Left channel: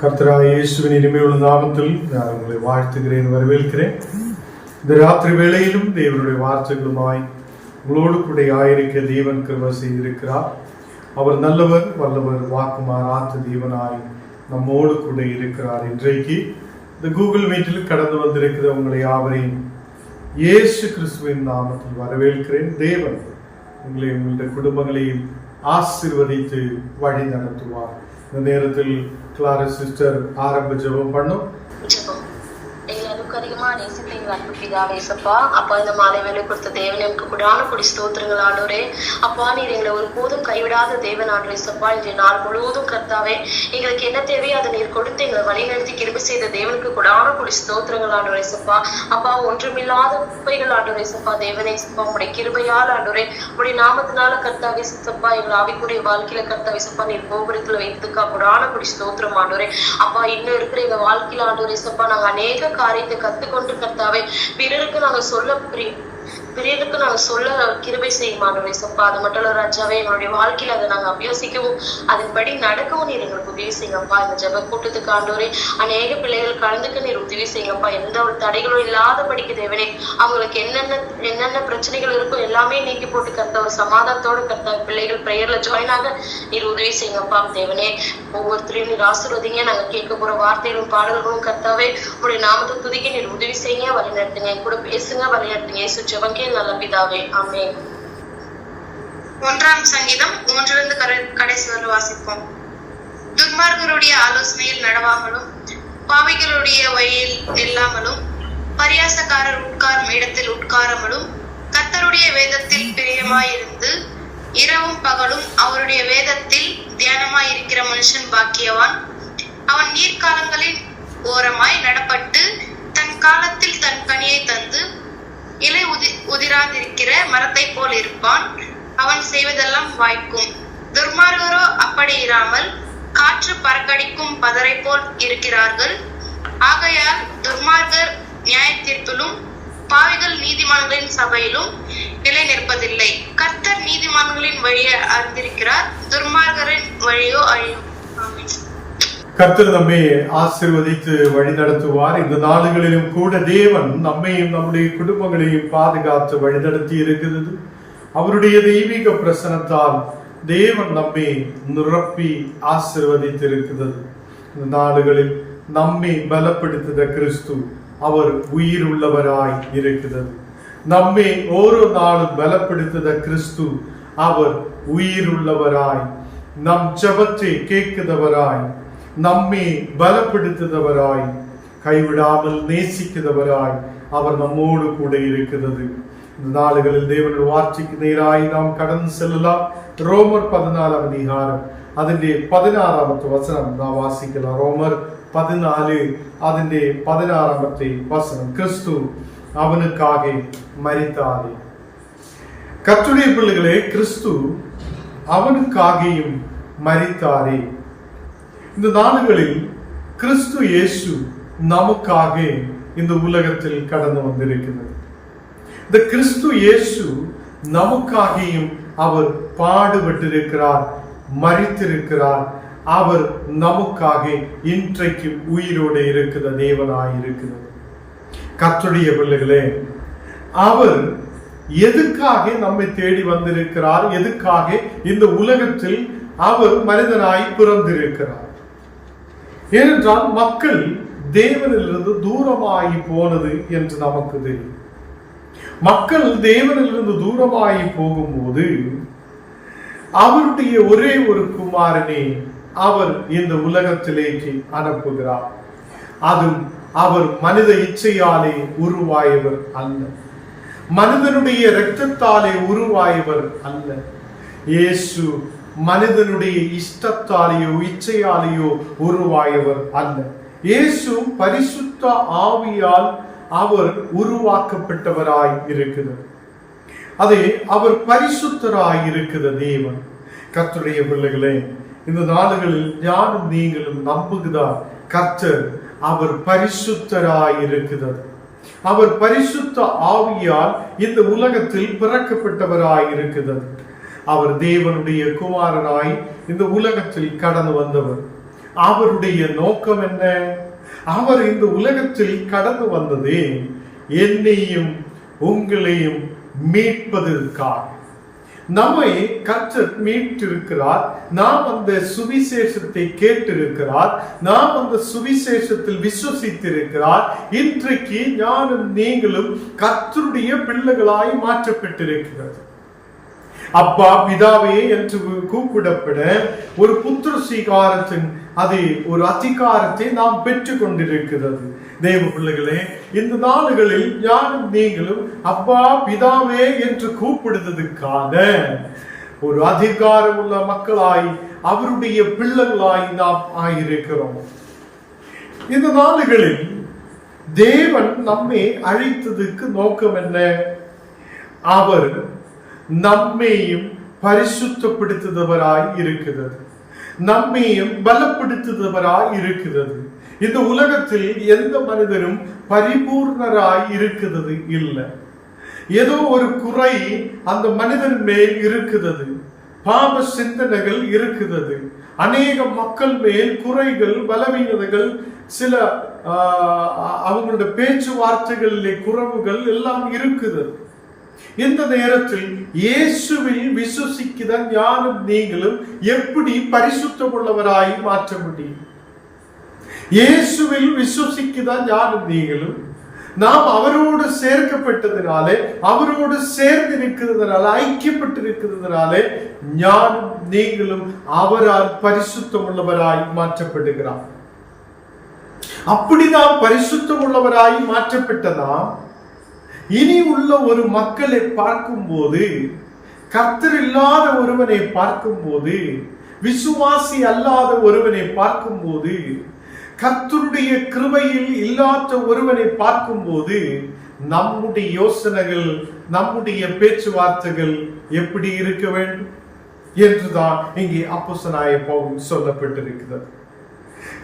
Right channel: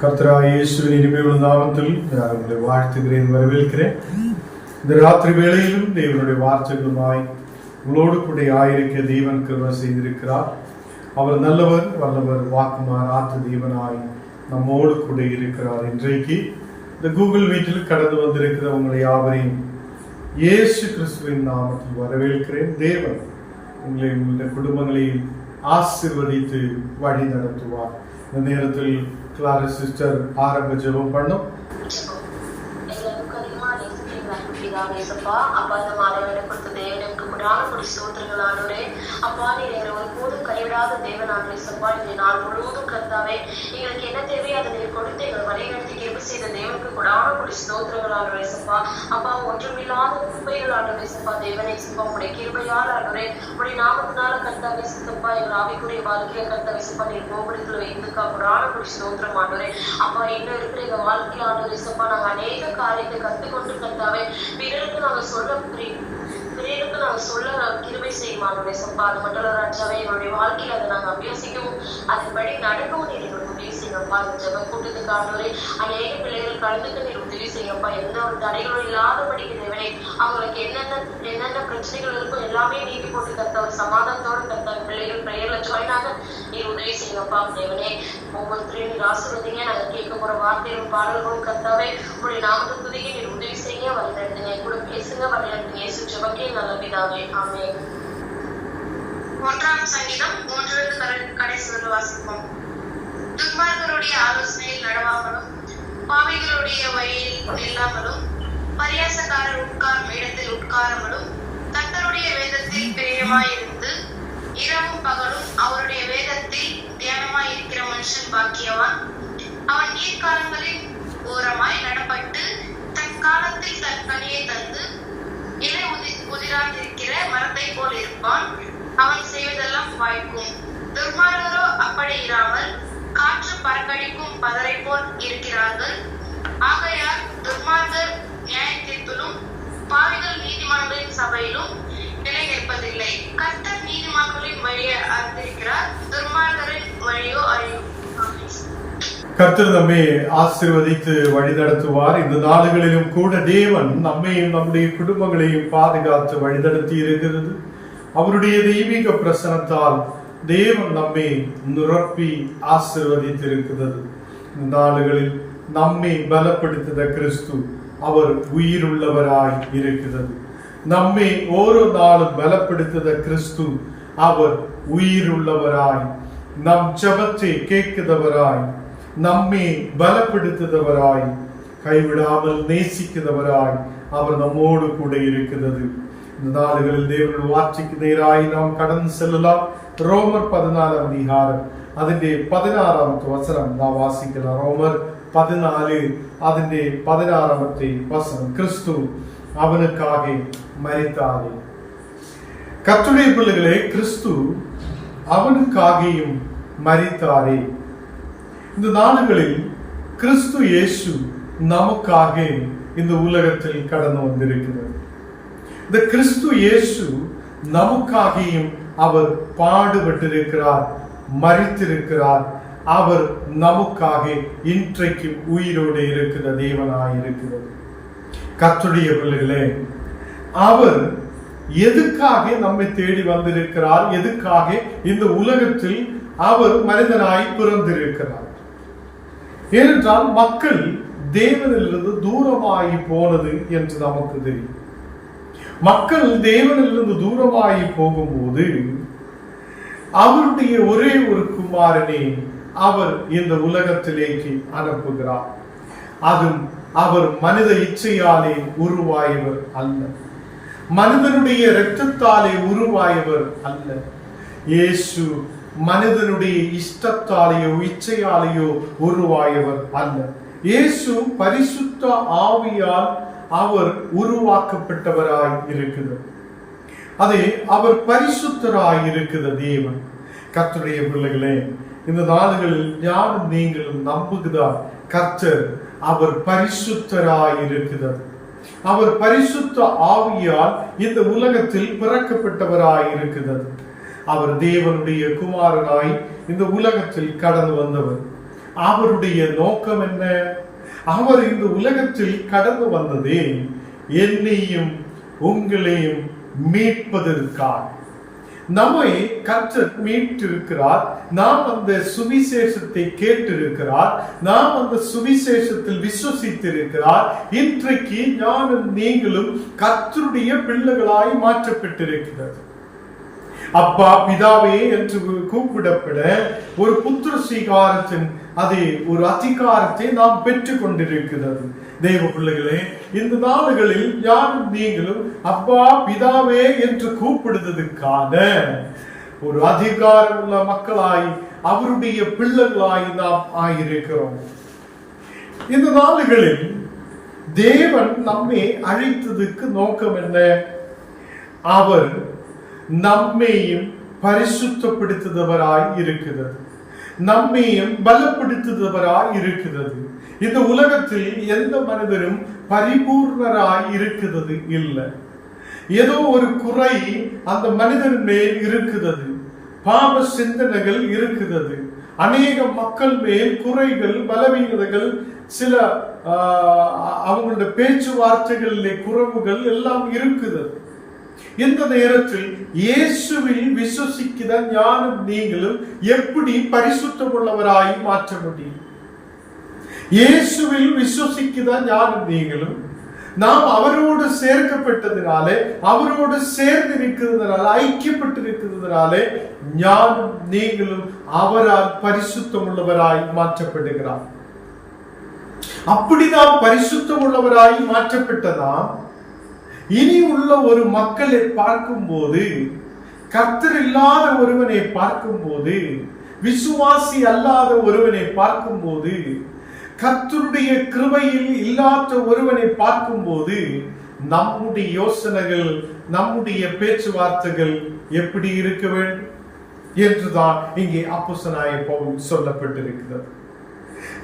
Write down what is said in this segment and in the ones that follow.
கர்த்தராகிய இயேசுவின் இனிமையுள்ள நாமத்தில் நான் உங்களை வாழ்த்துகிறேன், வரவேற்கிறேன். இந்த ராத்திரி வேளையிலும் தேவனுடைய வார்த்தைகளுமாய் உங்களோடு கூட ஆயிருக்க தேவன் கிருபை செய்திருக்கிறார். அவர் நல்லவர், வல்லவர், வாக்குமாறாத்த தேவனாய் நம்மோடு கூட இருக்கிறார். இன்றைக்கு இந்த கூகுள் மீட்டில் கடந்து வந்திருக்கிற உங்களை யாவரையும் இயேசு கிறிஸ்துவின் நாமத்தில் வரவேற்கிறேன். தேவன் உங்களை உங்களுடைய குடும்பங்களையும் ஆசீர்வதித்து வழி நடத்துவார். இந்த நேரத்தில் கிளாரஸ் சிஸ்டர் ஆரம்ப ஜெபம் பண்ணும். அப்பா, இந்த மாலை வேலை கொடுத்த தேவன் எனக்கு குடான கொடி ஸ்தோத்திரங்கள் ஆண்டவரே. அப்பா, நீர் எங்களை ஒரு போதும் கைவிடாத தேவன் ஆண்டவரே. சப்பா, இன்றைய நாள் முழுவதும் கர்த்தாவே எங்களுக்கு என்ன தேவையோ அதை நீர் கொடுத்து எங்களை வழிநடத்தி கிருபை செய்த தேவனுக்கு குடான கொடி ஸ்தோத்திரங்கள் ஆண்டவரே. சப்பா, அப்பா, ஒன்றுமில்லாத குப்பைகள் ஆண்டவரே. சப்பா, தேவனே சப்பா, உடைய கிருபையால் ஆண்டவரே, உடைய நாமத்தினால கர்த்தாவே சப்பா, எங்கள் ஆவிக்குரிய வாழ்க்கையில கர்த்தாவே சப்பா, நீர் கோபுரத்துல வைத்ததுக்கா குடான கொடி ஸ்தோத்திரம் ஆண்டவரே. அப்பா, இன்னும் இருக்கிற எங்க வாழ்க்கையில ஆண்டவரே சப்பா, நாங்க அநேக காரியத்தை கத்துக்கொண்டு கர்த்தாவே பிறருக்கு நாங்க சொல்ல கிருபை செய்யும் ஆண்டவரே. சப்பா, அது மட்டும் இல்ல ராஜாவே, என்னுடைய வாழ்க்கையில அதை நாங்க அபியோசிக்கவும் அதன்படி நடக்கவும் நீர் எங்களுக்கு உதவி செய்யுங்கப்பா. இந்த ஜெப கூட்டத்துக்கு ஆண்டவரே அநேக பிள்ளைகள் கலந்துக்கு நீர் உதவி செய்யுங்கப்பா. எந்த ஒரு தடைகளும் இல்லாதபடிக்கு தேவனே, அவங்களுக்கு என்னென்ன பிரச்சனைகள் இருக்கோ எல்லாமே நீக்கி போட்டு கர்த்தா ஒரு சமாதானத்தோடு கர்த்தா பிள்ளைகள் பிரேயர்ல ஜாயின் ஆக நீர் உதவி செய்யுங்கப்பா. தேவனே, ஒவ்வொருத்தரையும் நீர் ஆசீர்வதிங்க. நாங்க கேட்க போற வார்த்தைகளும் பாடல்களும் கர்த்தாவே உடைய நாமத்தை துதிக்க நீர் உதவி செய்யுங்க, வழி நடத்துங்க, கூட பேசுங்க, வழி நடத்துங்க. இயேசு ஜெபக்கே நல்ல பிதாவே, ஆமென். 1 சங்கீதம் 3 கடைசி வரை வாசிப்போம். துன்மார்கருடைய ஆலோசனையில் நடவாமலும் பாவிகளுடைய வழியில் நில்லாமலும் பரியாசக்காரர் உட்காரும் இடத்தில் உட்காராமலும் கர்த்தருடைய வேதத்தில் பிரியமாயிருந்து இரவும் பகலும் அவருடைய வேதத்தில் தியானமாயிருக்கிற மனுஷன் பாக்கியவான். அவன் நீர்க்காலங்களின் ஓரமாய் நடப்பட்டு தன் காலத்தில் தன் கனியை தந்து இலை உதிராதிருக்கிற மரத்தை போல் இருப்பான். அவன் செய்வதெல்லாம் வாய்க்கும். துர்மார்கரோ அப்படி இராமல் காற்று பறக்கடிக்கும் பதரை போல் இருக்கிறார்கள். ஆகையால் துர்மார்கர் நியாய தீர்ப்பிலும் பாவிகள் நீதிமான்களின் சபையிலும் நிலை நிற்பதில்லை. கர்த்தர் நீதிமான்களின் வழியை அறிந்திருக்கிறார், துர்மார்கரின் வழியோ அழியும். கர்த்தர் நம்மை ஆசீர்வதித்து வழி நடத்துவார். இந்த நாடுகளிலும் கூட தேவன் நம்மையும் நம்முடைய குடும்பங்களையும் பாதுகாத்து வழிநடத்தி இருக்கிறது. அவருடைய தெய்வீக பிரசனத்தால் தேவன் நம்மை நிரப்பி ஆசீர்வதித்திருக்கிறது. இந்த நாடுகளில் நம்மை பலப்படுத்தின கிறிஸ்து அவர் உயிர் உள்ளவராய் இருக்கிறது. நம்மை ஓரோ நாளும் பலப்படுத்தின கிறிஸ்து அவர் உயிர் உள்ளவராய், நம் ஜெபத்தை கேட்கிறவராய், நம்மை பலப்படுத்துகிறவராய், கைவிடாமல் நேசிக்கிறவராய் அவர் நம்மோடு கூட இருக்கிறது. இந்த நாடுகளில் தேவனுடைய வார்த்தைக்கு நேராய் நாம் கடந்து செல்லலாம். ரோமர் 14 அதிகாரம் അതിന്റെ 16 വചനം നാം വാസിக்கலாம். ரோமர் 14 അതിന്റെ 16 വചനം. கிறிஸ்து அவனுக்காக மரித்தாரே. கர்த்தருடைய பிள்ளைகளே, கிறிஸ்து அவனுக்காகவும் மரித்தாரே. இந்த நாடுகளில் கிறிஸ்து இயேசு நமக்காக இந்த உலகத்தில் கடந்து வந்திருக்கிறது. இந்த கிறிஸ்து இயேசு நமக்காகவும் அவர் பாடுபட்டிருக்கிறார், மரித்திருக்கிறார். அவர் நமக்காக இன்றைக்கு உயிரோடு இருக்கிற தேவனாய் இருக்கிறது. கர்த்தருடைய பிள்ளைகளே, அவர் எதுக்காக நம்மை தேடி வந்திருக்கிறார்? எதுக்காக இந்த உலகத்தில் அவர் மனிதனாய் பிறந்திருக்கிறார்? ஏனென்றால் மக்கள் தேவனிலிருந்து தூரமாகி போனது என்று நமக்கு தெரியும். மக்கள் தேவனிலிருந்து தூரமாகி போகும்போது அவருடைய ஒரே ஒரு குமாரனை அவர் இந்த உலகத்திலேக்கு அனுப்புகிறார். அதுவும் அவர் மனித இச்சையாலே உருவாயவர் அல்ல, மனிதனுடைய இரத்தத்தாலே உருவாயவர் அல்ல. இயேசு மனிதனுடைய இஷ்டத்தாலேயோ இச்சையாலேயோ உருவாயவர் அல்ல. இயேசு பரிசுத்த ஆவியால் அவர் உருவாக்கப்பட்டவராய் இருக்கிறது. அதே அவர் பரிசுத்தராய் இருக்கிற தேவன். கர்த்தருடைய பிள்ளைகளே, இந்த நாடுகளில் யாரும் நீங்களும் நம்புகிறார் கர்த்தர் அவர் பரிசுத்தராய் இருக்கிறது. அவர் பரிசுத்த ஆவியால் இந்த உலகத்தில் பிறக்கப்பட்டவராய் இருக்கிறது. அவர் தேவனுடைய குமாரனாய் இந்த உலகத்தில் கடந்து வந்தவர். அவருடைய நோக்கம் என்ன? அவர் இந்த உலகத்தில் கடந்து வந்ததே என்னையும் உங்களையும் மீட்பதற்காக. நம்மை கர்த்தர் மீட்டிருக்கிறார். நாம் அந்த சுவிசேஷத்தை கேட்டிருக்கிறார். நாம் அந்த சுவிசேஷத்தில் விசுவசித்திருக்கிறார். இன்றைக்கு ஞானும் நீங்களும் கர்த்தருடைய பிள்ளைகளாய் மாற்றப்பட்டிருக்கிறது. அப்பா பிதாவே என்று கூப்பிடப்பட ஒரு புத்திர சீகாரத்தின் அதை ஒரு அதிகாரத்தை நாம் பெற்றுக் கொண்டிருக்கிறது. தேவ பிள்ளைகளே, இந்த நாளுகளில் யாரும் நீங்களும் அப்பா பிதாவே என்று கூப்பிடுவதற்கான ஒரு அதிகாரம் உள்ள மக்களாய் அவருடைய பிள்ளைகளாய் நாம் ஆயிருக்கிறோம். இந்த நாளுகளில் தேவன் நம்மை அழைத்ததுக்கு நோக்கம் என்ன? அவர் நம்மையும் பரிசுத்தப்படுத்துபவராய் இருக்கிறது, நம்மையும் பலப்படுத்துபவராய் இருக்கிறது. இந்த உலகத்தில் எந்த மனிதரும் பரிபூர்ணராய் இருக்கிறது இல்லை. ஏதோ ஒரு குறை அந்த மனிதன் மேல் இருக்கிறது. பாவ சிந்தனைகள் இருக்கிறது. அநேக மக்கள் மேல் குறைகள், பலவீனதைகள், சில அவங்களுடைய பேச்சுவார்த்தைகளிலே குறைவுகள் எல்லாம் இருக்கிறது. இந்த நேரத்தில் இயேசுவில் விசுவசிக்கிற ஞானம் நீங்களும் எப்படி பரிசுத்தம் உள்ளவராய் மாற்ற முடியும்? இயேசுவில் விசுவசிக்கிற ஞானம் நீங்களும் நாம் அவரோடு சேர்க்கப்பட்டதினாலே, அவரோடு சேர்ந்திருக்கிறதுனால, ஐக்கியப்பட்டிருக்கிறதுனாலே ஞானம் நீங்களும் அவரால் பரிசுத்தம் உள்ளவராய் மாற்றப்படுகிறார். அப்படி நாம் பரிசுத்தம் உள்ளவராய் மாற்றப்பட்டதாம் இனி உள்ள ஒரு மக்களை பார்க்கும்போது, கர்த்தர் இல்லாத ஒருவனை பார்க்கும்போது, விசுவாசி அல்லாத ஒருவனை பார்க்கும்போது, கர்த்தருடைய கிருபையில் இல்லாத ஒருவனை பார்க்கும்போது நம்முடைய யோசனைகள், நம்முடைய பேச்சுவார்த்தைகள் எப்படி இருக்க வேண்டும் என்றுதான் இங்கே அப்போஸ்தலனாகிய பவுல் சொல்லப்பட்டிருக்கிறது.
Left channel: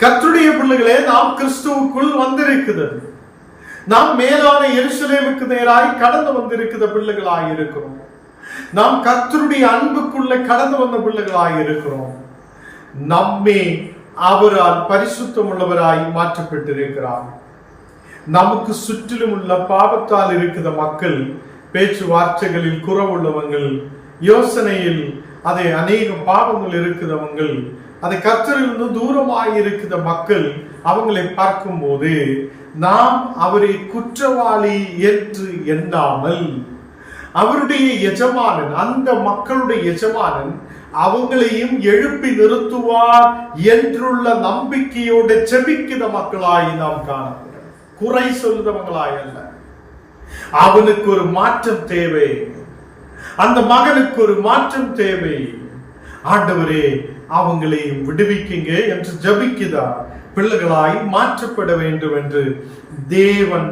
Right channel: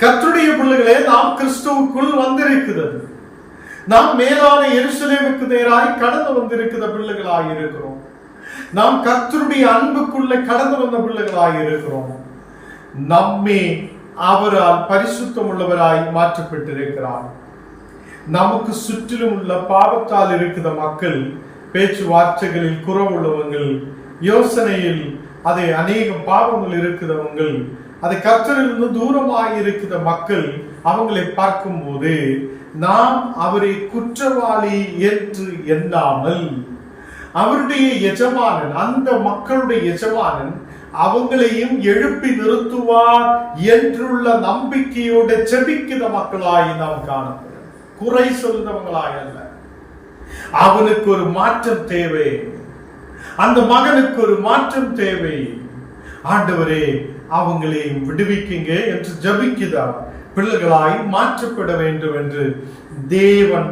கர்த்தருடைய பிள்ளைகளே, நாம் கிறிஸ்துவுக்குள் வந்திருக்கிறது. நாம் மேலான எருசலேமுக்கு நேராய் கடந்து வந்திருக்கிற பிள்ளைகளாய் இருக்கிறோம். நாம் கர்த்தருடைய அன்புக்குள்ளே கடந்து வந்த பிள்ளைகளாய் இருக்கிறோம். நம்மே அவரால் பரிசுத்தம் உள்ளவராய் மாற்றப்பட்டிருக்கிறார். நமக்கு சுற்றிலும் உள்ள பாவத்தால் இருக்கிற மக்கள், பேச்சுவார்த்தைகளில் குறவுள்ளவங்கள், யோசனையில் அதை அநேக பாவங்கள் இருக்கிறவங்கள், அதை கர்த்தரிலிருந்து தூரமாய் இருக்கிற மக்கள், அவங்களை பார்க்கும் போது நாம் அவரை குற்றவாளி என்று எண்ணாமல், அவருடைய எஜமானன், அந்த மக்களுடைய எஜமானன் அவங்களையும் எழுப்பி நிறுத்துவார் என்றுள்ள நம்பிக்கையோட செபிக்கிற மக்களாய் நாம் காணப்படும். குறை சொல்லுறவங்களாய் அல்ல. அவனுக்கு ஒரு மாற்றம் தேவை, அந்த மகனுக்கு ஒரு மாற்றம் தேவை. ஆண்டவரே அவங்களையும் விடுவிக்குங்க என்று ஜபிக்கிறார். பிள்ளைகளாய் மாற்றப்பட வேண்டும் என்று தேவன்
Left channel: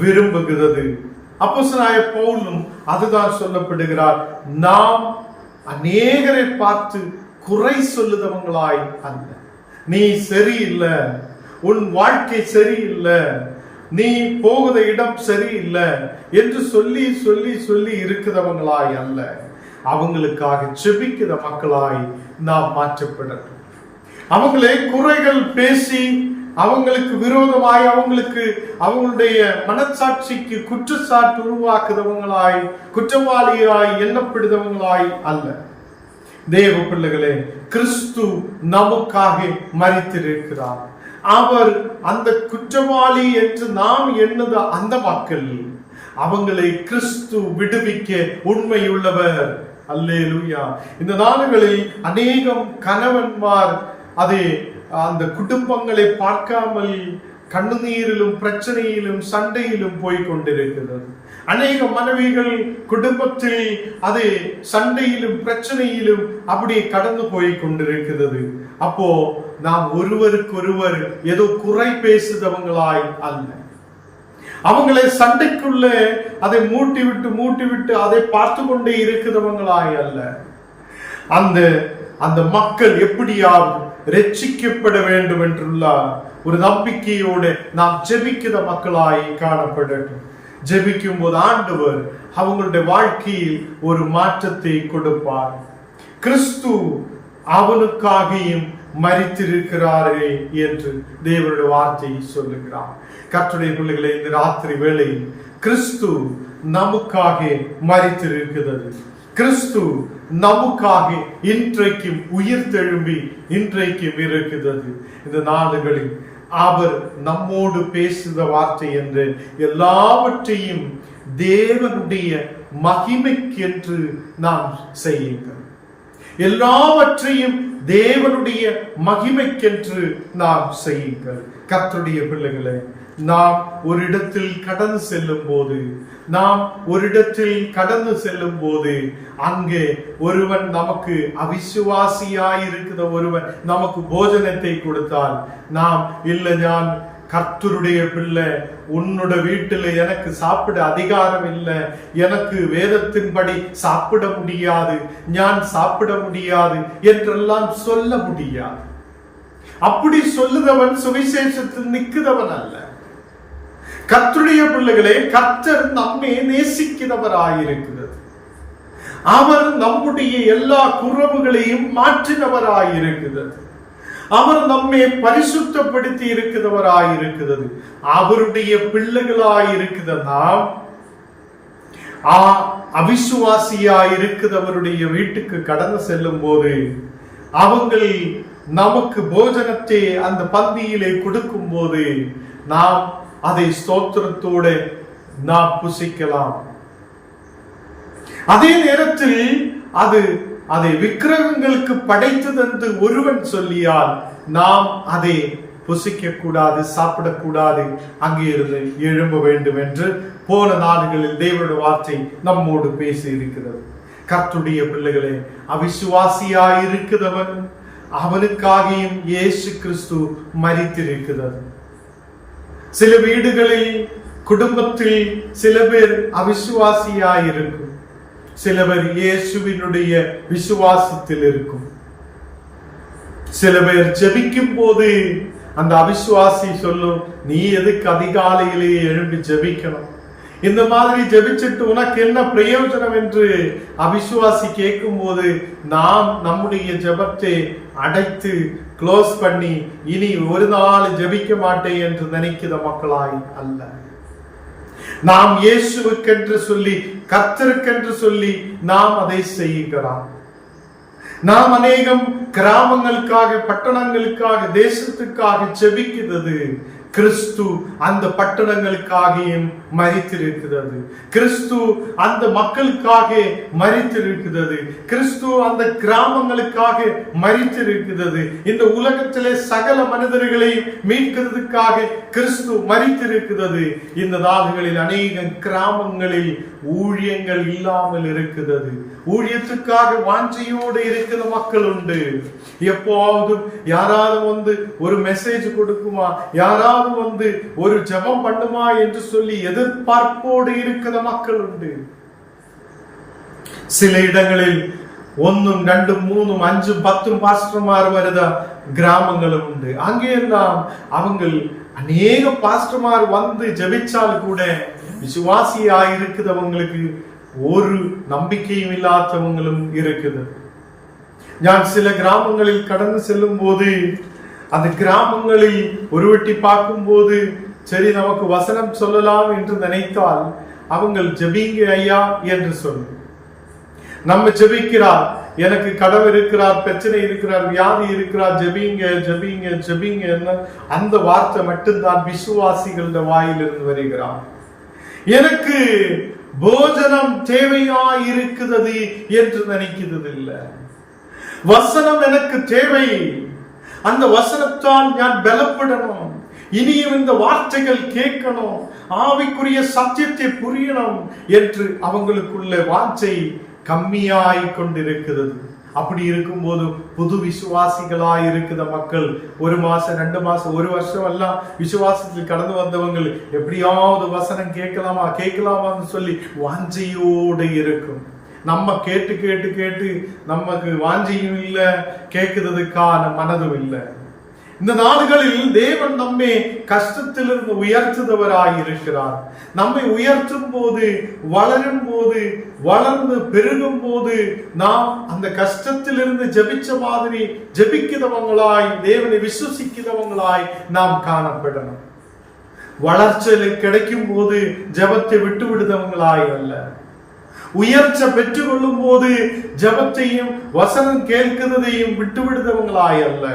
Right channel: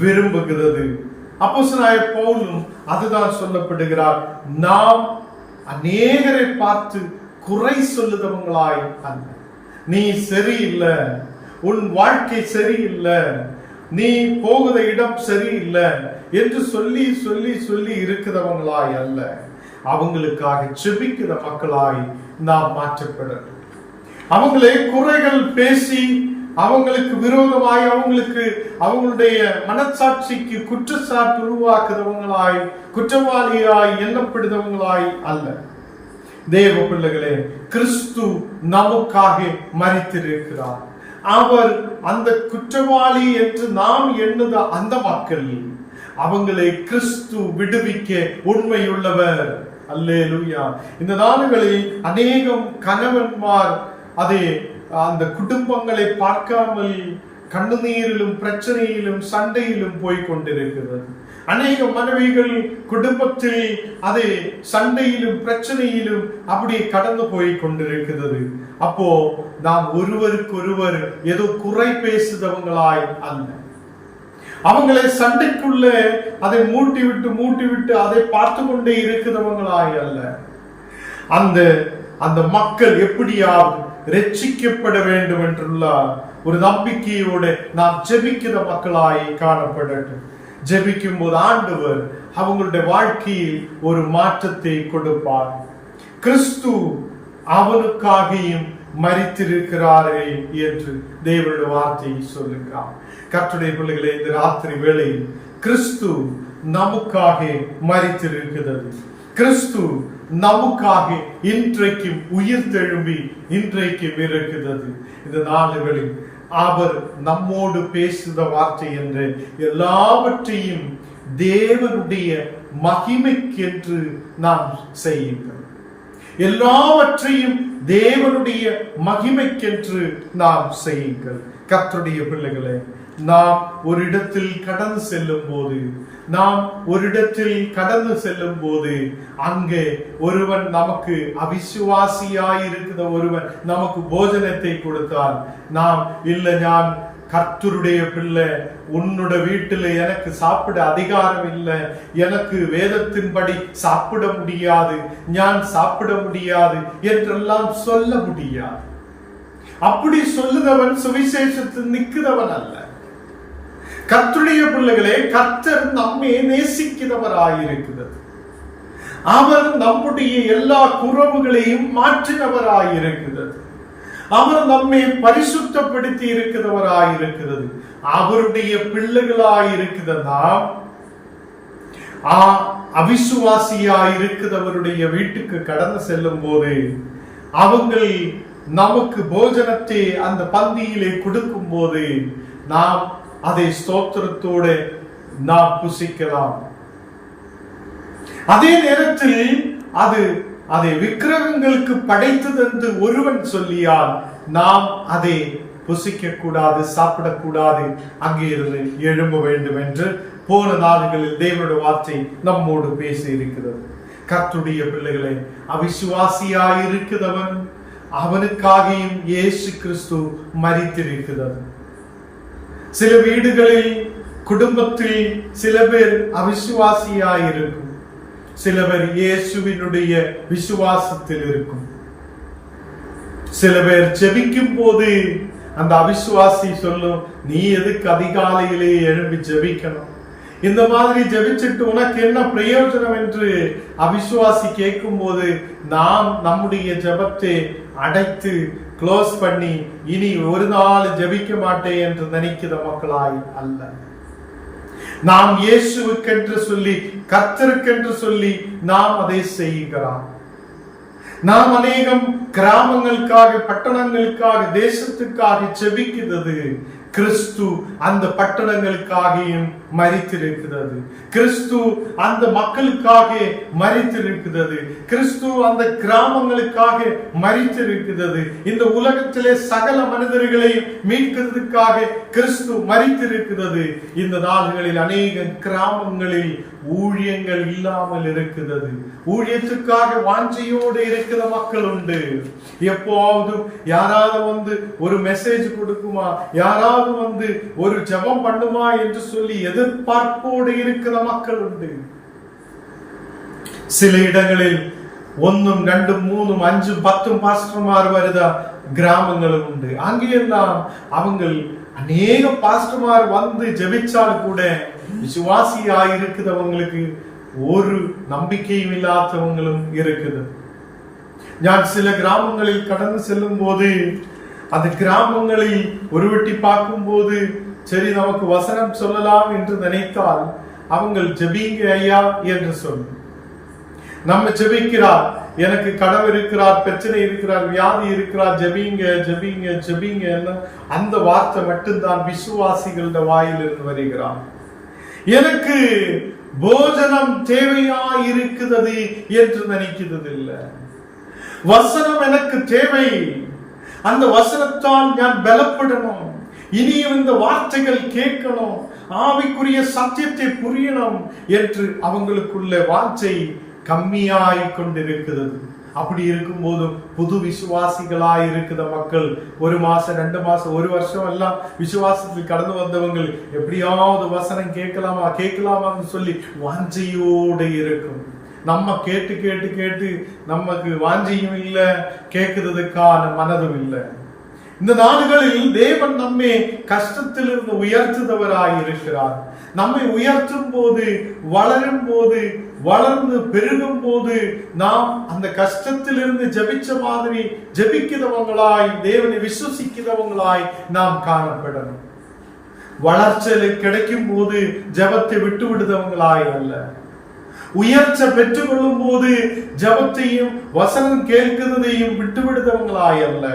விரும்புகிறது. அப்போஸ்தலனாகிய பவுலும் அதுதான் சொல்லப்படுகிறார். நாம் அநேகரை பார்த்து குறை சொல்லுதவங்களாய் அல்ல. நீ சரியில்லை, உன் வாழ்க்கை சரியில்லை, நீ போகுத இடம் சரியில்லை என்று சொல்லி சொல்லி சொல்லி இருக்கிறவங்களாய் அல்ல, அவங்களுக்காக செபிக்கிற மக்களாய் நாம் மாற்றப்படட்டும். அவங்களே குறைகள் பேசி அவங்களுக்கு விரோதமாய், அவங்களுக்கு அவங்களுடைய மனசாட்சிக்கு குற்றச்சாட்டு உருவாக்குறவங்களாய், குற்றவாளியாய் எண்ணப்படுறவங்களாய் அல்ல. தேவ பிள்ளைகளே, கிறிஸ்து நமக்காக மரித்திருக்கிறார். அவர் அந்த குற்றவாளி என்று நாம் எண்ணுத அந்த மக்கள், அவங்களை கிறிஸ்து விடுவிக்க உண்மையுள்ளவர். அல்லேலூயா. இந்த நாடுகளில் அநேகம் கணவன்மார் அதை அந்த குடும்பங்களை பார்க்காமல் கண்ணுநீரிலும் பிரச்சனையிலும் சண்டையிலும் போய் கொண்டிருக்கிறது. அநேக மனைவிகள் குடும்பத்தில் அது சண்டையிலும் பிரச்சனையிலும் அப்படியே கடந்து போய் கொண்டிருக்கிறது. அப்போ நாம் ஒருவருக்கொருவர் ஏதோ குறை பேசுதவங்களாய் அல்ல, அவங்களை சண்டைக்குள்ள அதை மூட்டி விட்டு அதை பார்த்து கொண்டே இருக்கிறவங்களாய் அல்ல. அந்த மக்கள் எப்படியாவது ரட்சிக்கப்பட வேண்டும் என்றுள்ள ஒரு நம்பிக்கையோடு நாம் ஜெபிக்கிற மக்களாய் காணப்படட்டும். ஜெபிக்கும் போது ஆண்டவர் அவங்களுடைய வாழ்க்கையில் ஒரு மாற்றத்தை கொடுப்பார். கிறிஸ்து அவனுக்காகியும் மரித்திருக்கிறாரே என்று தேவனுடைய வார்த்தை சொல்லுகிறார். கர்த்தருடைய பிள்ளைகளை, இந்த ராத்திரி வேளையில் கிறிஸ்து நமக்காக மரித்திருக்கிறது. கிறிஸ்து நமக்காக இன்றைக்கும் உயிர் தெழும்பி இன்றைக்கும் இருக்கிறது. இந்த நாடுகளில் அவர் நம்மோடு பேசுத வார்த்தை என்று எல்லாவற்றையும் தேவனுடைய மகிமைக்கென்று நாம் செய்யுங்கள். எல்லாவற்றையும் தேவனுடைய மகிமைக்கென்று நாம் செய்யுங்கள். கர்த்தருடைய பிள்ளைகளை, நாம் ஒரு இடத்தில் கடந்து செல்லும் போது அங்கே ஒருவன் நமக்கு அவிசுவாசியாயிருக்கிற ஒருவன் நமக்கு போஜனத்தை கொடுத்தால், நாம் இல்லை, நான் கர்த்தருடைய பிள்ளை, உன்னோட வீட்டில் எனக்கு சாப்பிட அதிகாரம் இல்லை, எனக்கு வேதத்தின்படி சாப்பிட முடியாது, நான் சாப்பிட முடியாது என்றெல்லாம் சொல்ல முடியாது. அப்படி சொல்லுறவன் சுவிசேஷத்தில் நிற்கிறவன் அல்ல. கர்த்தருடைய பிள்ளைகளே, கர்த்தர் நம்மை நேசிக்கிறவராயிருக்கிறது. அவர் நம்முடைய எல்லா குறைவுகளையும் மாற்றினவராயிருக்கிறது. அவர் நம்மை பரிசுத்தப்படுத்தி இருக்கிறவராயிருக்கிறது. அவருடைய பிள்ளைகளாயிருக்கிற நாம் அவிசுவாசியாயிருக்கிறவருடைய வீட்டுக்கு கடந்து செல்லும் போது அவங்கள் நமக்கு போஜனத்தை அந்த பந்தியிலே கொடுக்கும் போது நாம் அதை ஸ்தோத்திரத்தோடு நாம் புசிக்கலாம். அதே நேரத்தில் அதை விக்கிரகங்களுக்கு படைத்தது என்று ஒருவன் சொல்லியால் நாம் அதை புசிக்க கூடாது, சாப்பிடக்கூடாது, அங்கே இருந்து எழும்ப வேண்டும் என்று போன நாடுகளில் தேவனுடைய வார்த்தை நம்மோடு பேசி இருக்கிறது. கர்த்தருடைய பிள்ளைகளே, அவிசுவாசியாயிருக்கிறவன் அவனுக்காகியும் இயேசு கிறிஸ்து மரித்திருக்கிறது. சில வீடுகளில், குடும்பத்தில் சில பேர் அவிசுவாசியாயிருக்கும், சில பேர் இயேசுவினுடைய விசுவாசத்தில் இருக்கும். சில பேர் ஜெபிக்கும் போது அந்த அவிசுவாசி சொல்லும், நீ எதுக்கு அதிகாலையிலே எழும்பி ஜெபிக்கணும், இந்த மாதிரி ஜெபிச்சுட்டு உனக்கு என்ன பிரயோஜனம் என்று அவிசுவாசி கேட்கும் போது நாம் நம்முடைய ஜெபத்தை அடைத்து க்ளோஸ் பண்ணி இனி ஒரு நாள் ஜெபிக்க மாட்டேன் என்று நினைக்கிற மக்களாய் அல்ல. நாம் இயேசுவுக்கென்று சொல்லி, கர்த்தருக்கென்று சொல்லி நாம் அதை செய்கிறோம். நாம் அநேகம் கிராமங்களுக்காக, பட்டணங்களுக்காக, தேசத்துக்காக ஜெபிக்கிறது. கிறிஸ்து அந்த பட்டணங்களுக்காகவும் மரித்திருக்கிறது. கிறிஸ்து அந்த மக்களுக்காக மரித்திருக்கிறது. கிறிஸ்து அந்த கிராமங்களுக்காக மரித்திருக்கிறது. இந்த உலகத்திலே சகல மனிதர்களையும் மீட்கிறதுக்காக கிறிஸ்து மரித்திருக்கிறது. இந்த நாடுகளில் அநேக கிராமங்களில் ஊழியங்கள் இல்லாமல் இருக்கிறது. ஊழியத்துக்காக வாஞ்சையோடு இருக்கிற மக்கள் உண்டு. எப்போதும் யாராவது வந்து ஒரு மெசேஜ் கொடுக்குமா, யாராவது வந்து ஒரு ஜெபம் பண்ணுமா என்று சொல்லி எதிர்பார்ப்போடு இருக்கிற மக்கள் உண்டு. சில இடங்களில் 1, 2, 3, 5, 10 பாஸ்டர்மார் வருத கிராமங்களும் உண்டு. அங்கேயெல்லாம் அவங்க அநேக பாஸ்டர்மார் வந்து ஜெபிச்சால் கூட விசுவாசியாயிருக்கிறவங்களுக்கு ஒரு நம்பிக்கையும் இல்லாதவங்களும் இருக்குது. நான் சில கிராமங்களில் கடந்து செல்லும் போது அந்த கிராமங்களில் ஒரு வெட்டி பார்க்கும் போது சரி நமக்கு வசனம் சொல்லலாம் என்று நினைத்தால் அவங்கள் ஜெபிங்க ஐயா என்று சொல்லும். நம்ம ஜெபிக்கிறார், எனக்கு கடவுள் இருக்கிறார், பிரச்சனை இருக்கிறார், வியாதி இருக்கிறார், ஜெபிங்க ஜெபிங்க ஜெபிங்க என்ன அந்த வார்த்தை மட்டும்தான் விசுவாசிகளோட வாயிலிருந்து வருகிறார். எனக்கு போஜனம் தேவையாய் இருக்கிறது என்று நினைக்கிறது இல்லை. வசனம் எனக்கு தேவை, அந்த வசனத்தால் நான் பலப்படணும், இனியும் இந்த வார்த்தைகள் கேட்கணும், ஆவிக்குரிய சத்தியத்தை புரியணும் என்று அவங்களுக்குள்ள வாஞ்சை கம்மியாய் கொண்டிருக்கிறது. அப்படி இருக்கும் போது புது விசுவாசிகளாய் இருக்கிற மக்கள் 1 மாசம் 2 மாசம் 1 வருஷம் எல்லாம் விசுவாசத்தில் கடந்து வந்தவங்க எப்படியாவது வசனம் கேட்கலாமான்னு சொல்லி வாஞ்சையோடு இருக்கும். நம்ம கேட்டு கேட்டு கேட்டு நமக்கு வாஞ்சியும் இல்லை, கேட்கறதுக்கான மனதும் இல்லை. இந்த நாடுகளில் தேவன் நம்மை கஷ்டத்திலிருந்து உயர்த்துதவராய் இருக்கிறார். நம்மை உயர்த்தும் போது, வளரும் போது, வளர்ந்து பெருகும் போது நாம் அந்த கஷ்டத்திலிருந்து ஜெபிச்ச மாதிரி ஜெபிக்கிறவங்களாய், தேவனை விசுவசிக்கிறவங்களாய் நாம் காணப்படணும். வளர்ச்சியில கிடைக்கும் போது ஜெபத்தை விட்டு விடுதவங்களாய் அல்ல. உயர்ச்ச பெற்றுக்கொள்ளும் போது ஜெபத்தையும் வசனம் கேட்கிறதையும் விட்டுவிடுதவங்களாய் அல்ல.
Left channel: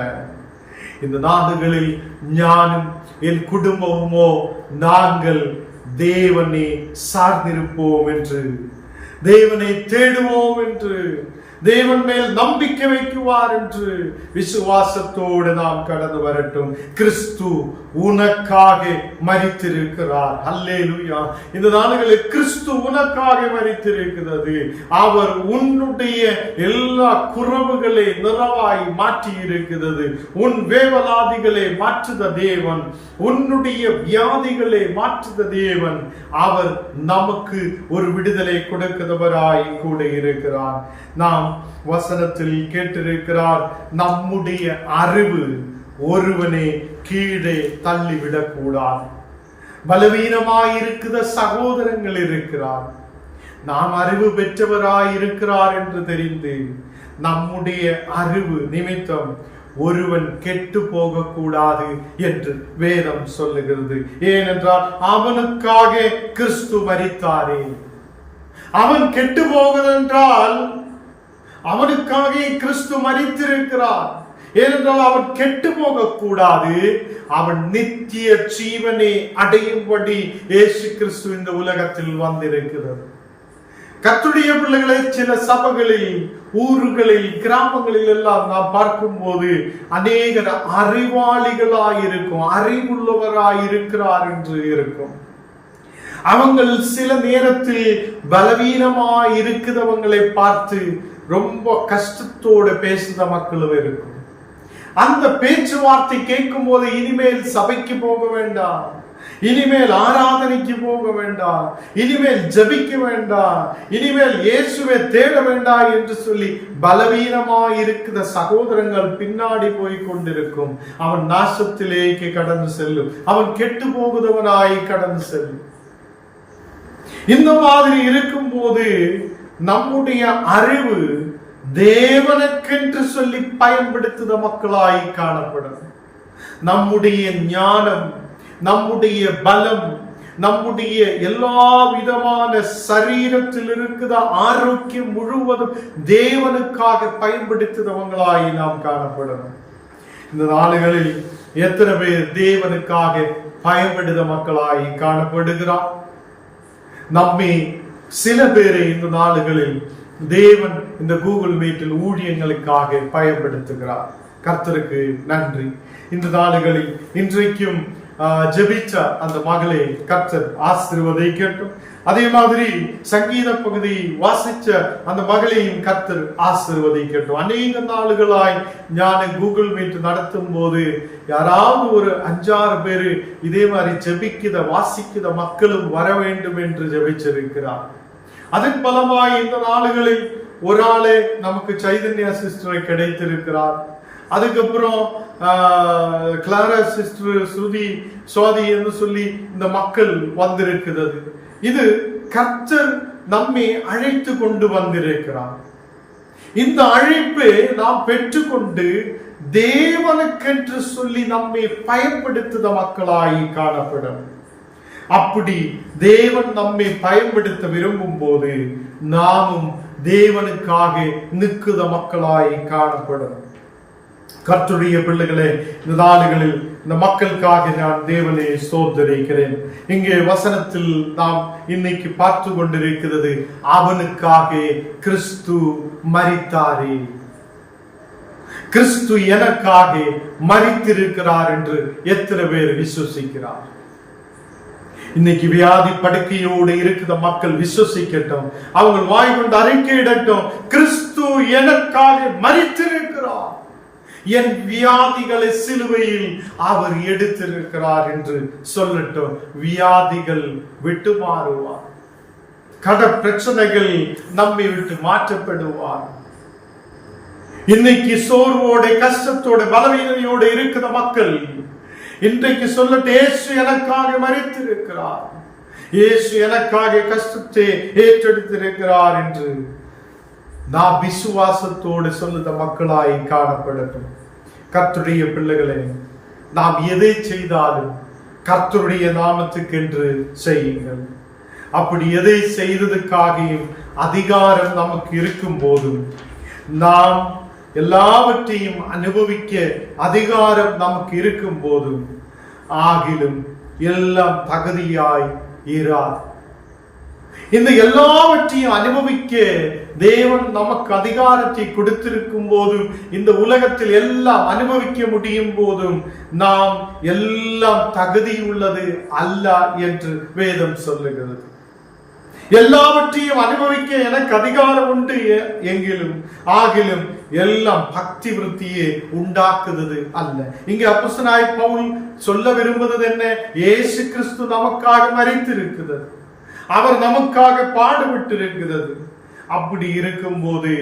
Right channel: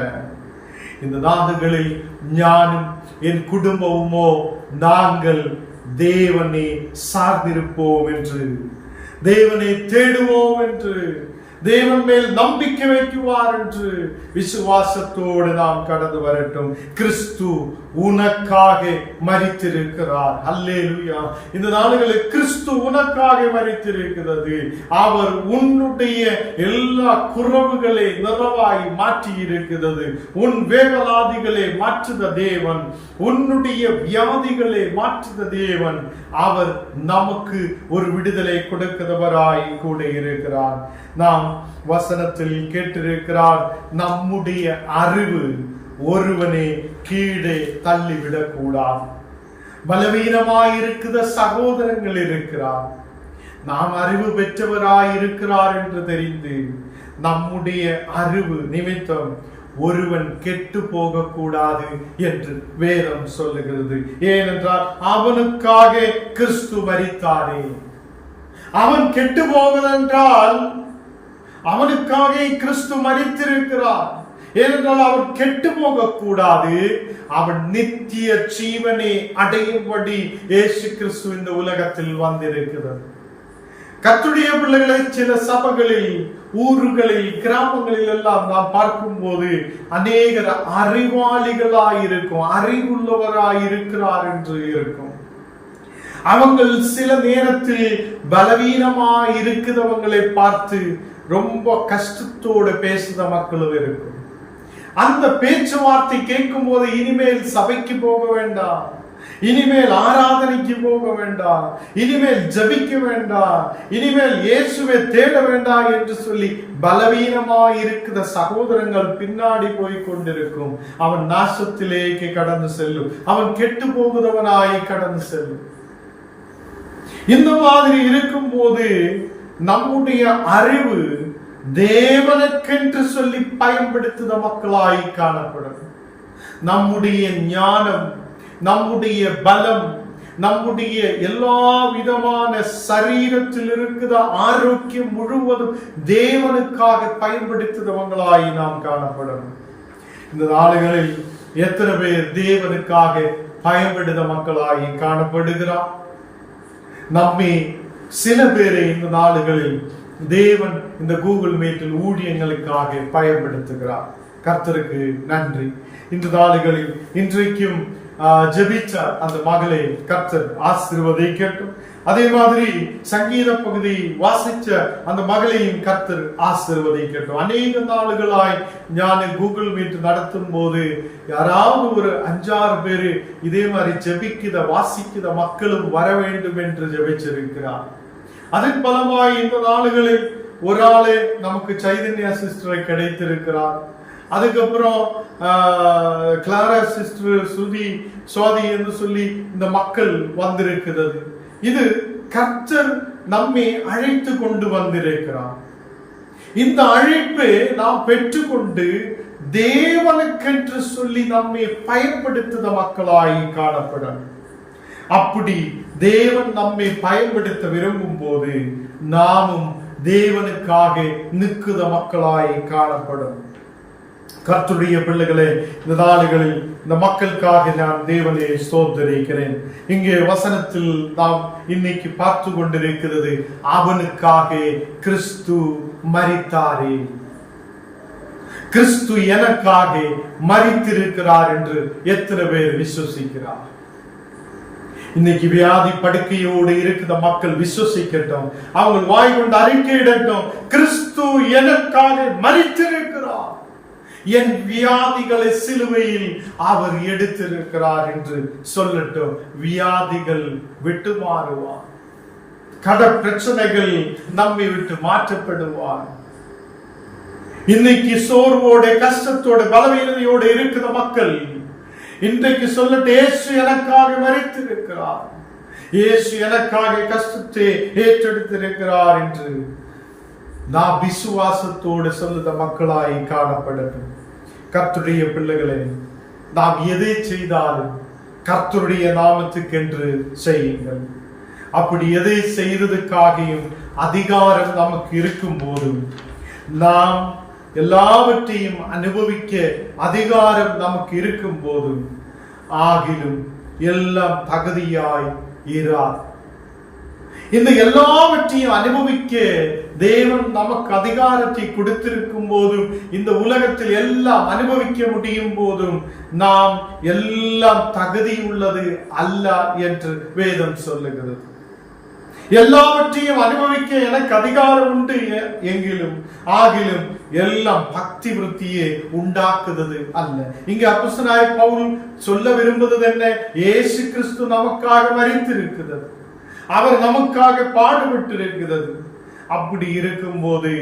இந்த நாடுகளில் ஞானும் என் குடும்பமோ நாங்கள் தேவனை சார்ந்திருப்போம் என்று, தேவனை தேடுவோம் என்று, தேவன் மேல் நம்பிக்கை வைக்குவார் என்று விசுவாசத்தோடு நாம் கடந்து வரட்டும். கிறிஸ்து உனக்காக மரித்திருக்கிறார். அல்லேலூயா. இந்த நாடுகளில் கிறிஸ்து உனக்காக மரித்திருக்கிறது. அவர் உன்னுடைய எல்லா குறைவுகளை நிறைவாய் மாற்றி இருக்கிறது. உன் வேவலாதிகளை மாற்றுத தேவன், உன்னுடைய வியாதிகளை மாற்றுத தேவன். அவர் நமக்கு ஒரு விடுதலை கொடுக்கிறவராய் கூட இருக்கிறார். நாம் வசனத்தில் கேட்டிருக்கிறார், நம்முடைய அறிவு ஒருவனை கீழே தள்ளிவிடக் கூடாது. பலவீனமாயிருக்கிற சகோதரங்கள் இருக்கிறார். நாம் அறிவு பெற்றவராய் இருக்கிறார் என்று தெரிந்து நம்முடைய அறிவு நிமித்தம் ஒருவன் கெட்டு போக கூடாது என்று வேதம் சொல்லுகிறது. ஏனென்றால் அவனுக்காக கிறிஸ்து மரித்தாரே. அவன் கெட்டு போவதென்றால் அவனுக்காக கிறிஸ்து மரித்திருக்கிறார். ஏனென்றால் அவன் கெட்டு போக கூடாது, அவன் நித்திய ஜீவனை அடையும்படி இயேசு கிறிஸ்து இந்த உலகத்தில் வந்திருக்கிறது. கர்த்தருடைய பிள்ளைகளை சில சபைகளில், ஊர்களில், கிராமங்களில் எல்லாம் நாம் பார்க்கும் போது அநேகர் அறிவாளிகளாயிருக்கும், அறிவுள்ளவராயிருக்கிறார் என்று இருக்கும். அவங்கள் சில நேரத்தில் பலவீனமாய் இருக்கிறவங்களை பார்த்து ரொம்ப கஷ்டத்தோடு பேசுத மக்களும் இருக்கும். அந்த பேச்சுவார்த்தை கேட்கும் போது இனிமேல் சபைக்கு போக வேண்டாம், இனிமேல் ஆராதனைக்கு போக வேண்டாம், இனிமேல் ஜபிக்க வேண்டாம், இனிமேல் இயேசுவை தேட வேண்டாம் என்று சொல்லி பலவீனமாய் இருக்கிற சகோதரங்கள் பின்னாடி போய் கொண்டிருக்கும். அவன் நாசத்திலேக்கு கடந்து செல்லும், அவன் கெட்டு போகுதவனாய் கடந்து செல்லும். இந்த மாதிரி இருக்கும் போது நம்முடைய அறிவு தேவனுக்கென்று சொல்லி பயன்படுத்துத மக்களாய் காணப்படும். நம்முடைய ஞானம், நம்முடைய பலம், நம்முடைய எல்லா விதமான சரீரத்தில் இருக்கிற ஆரோக்கியம் முழுவதும் தேவனுக்காக பயன்படுத்துதவங்களாய் நாம் காணப்படணும். இந்த நாடுகளில் எத்தனை பேர் தேவனுக்காக பயன்படுத்த மக்களாய் காணப்படுகிறார்? நம்மை சில பேரை இந்த நாடுகளில் தேவன் இந்த கூகுள் மீட்டில் ஊழியங்களுக்காக பயன்படுத்துகிறார். கர்த்தருக்கு நன்றி. இந்த நாடுகளில் இன்றைக்கும் ஜெபிச்ச அந்த மகளை கர்த்தர் ஆசீர்வதிக்கட்டும். அதே மாதிரி சங்கீத பகுதி வாசிச்ச அந்த மகளையும் கர்த்தர் ஆசீர்வதிக்கட்டும். அநேக நாளுகளாய் நான் கூகுள் மீட் நடத்தும் போது யாராவது ஒரு 5-6 பேரு இதே மாதிரி ஜெபிக்கிற வாசிக்கிற மக்களும் வர வேண்டும் என்று ஜெபிச்சிருக்கிறார். அதன் பலமாய் இந்த நாளுகளில் ஒரு ஆளு நமக்கு சைதன்யா சிஸ்டரை கிடைத்திருக்கிறார். அதுக்கப்புறம் கிளாரா சிஸ்டர், ஸ்ருதி, சுவாதி என்று சொல்லி இந்த மக்கள் வந்திருக்கிறது. இது கர்த்தர் நம்மை அழைத்து கொண்டு வந்திருக்கிறார். இந்த அழைப்பு நாம் பெற்றுக்கொண்டு தேவனுக்கென்று சொல்லி நம்மை பயன்படுத்துத மக்களாய் காணப்படும். அப்படி தேவன் நம்மை பயன்படுத்த விரும்பும் போது நாமும் தேவனுக்காக நிற்குத மக்களாய் காணப்படும். கர்த்தருடைய பிள்ளைகளே, இந்த நாடுகளில் இந்த மக்களுக்காக நான் தேவனை ஸ்தோத்திரிக்கிறேன். இங்கே வசனத்தில் நாம் இன்னைக்கு பார்த்து கொண்டிருக்கிறது, அவனுக்காக கிறிஸ்து மரித்தாரே. கிறிஸ்து எனக்காக மரித்திருக்கிறார் என்று எத்தனை பேர் விசுவசிக்கிறார்? இன்னைக்கு வியாதி படுக்கையோடு இருக்கிற மக்கள் விசுவசிக்கட்டும், அவங்க வாய் கொண்டு அறிக்கையிடட்டும், கிறிஸ்து எனக்காக மரித்திருக்கிறார், என் வியாதிகளை சிலுவையில் அவர் எடுத்திருக்கிறார் என்று சொல்லட்டும். வியாதிகள் விட்டு மாறுவார், கட பிரச்சனைகள் நம்மை விட்டு மாற்றப்படுவார். இன்னைக்கு சோர்வோட, கஷ்டத்தோட, பலவீனதையோட இருக்கிற மக்கள் இன்றைக்கு சொல்லட்டு, இயேசு எனக்காக மரித்திருக்கிறார், இயேசு எனக்காக கஷ்டத்தை ஏற்றெடுத்திருக்கிறார் என்று நாம் விசுவாசத்தோடு சொல்லுத மக்களாய் காணப்படட்டும். கர்த்தருடைய பிள்ளைகளே, நாம் எதை செய்தாலும் கர்த்தருடைய நாமத்துக்கென்று செய்யுங்கள். அப்படி எதை செய்ததுக்காகவும் அதிகாரம் நமக்கு இருக்கும் போதும், நாம் எல்லாவற்றையும் அனுபவிக்க அதிகாரம் நமக்கு இருக்கும் போதும், ஆகிலும் எல்லாம் தகுதியாய் இரார். இந்த எல்லாவற்றையும் அனுபவிக்க தேவன் நமக்கு அதிகாரத்தை கொடுத்திருக்கும் போதும், இந்த உலகத்தில் எல்லாம் அனுபவிக்க முடியும் போதும், நாம் எல்லாம் தகுதி உள்ளது அல்ல என்று வேதம் சொல்லுகிறது. எல்லாவற்றையும் அனுபவிக்க எனக்கு அதிகாரம் உண்டு எங்கிலும் ஆகிலும் எல்லாம் பக்தி விருத்தியை உண்டாக்குவது அல்ல. இங்கே அப்போஸ்தலனாகிய பவுல் சொல்ல விரும்புவது என்ன? இயேசு கிறிஸ்து நமக்காக மரித்திருக்கிறது, அவர் நமக்காக பாடுபட்டு இருக்கிறது. அப்படி இருக்கும் போது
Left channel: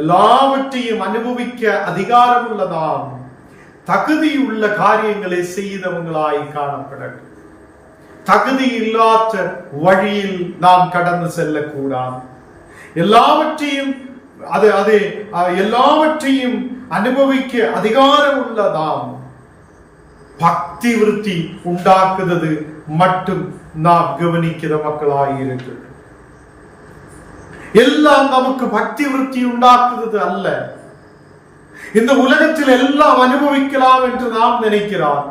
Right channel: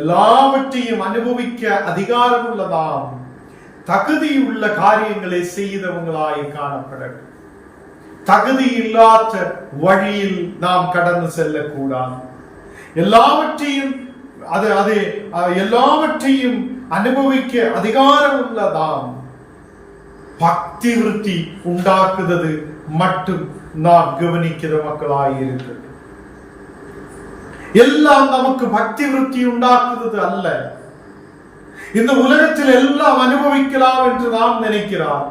எல்லாவற்றையும் அனுபவிக்க அதிகாரம் உள்ளதாம் தகுதியுள்ள காரியங்களை செய்தவங்களாய் காணப்படட்டும். தகுதி இல்லாத வழியில் நாம் கடந்து செல்லக்கூடாது. எல்லாவற்றையும் அனுபவிக்க அதிகாரம் உள்ளதாம் பக்தி விருத்தி உண்டாக்குவது மட்டும் நாம் கவனிக்கிற மக்களாய் இருக்கட்டும். எல்லாம் நமக்கு பக்தி விருத்தி உண்டாக்குவது அல்ல. இந்த உலகத்தில் எல்லாம் அனுபவிக்கலாம் என்று நாம் நினைக்கிறார்.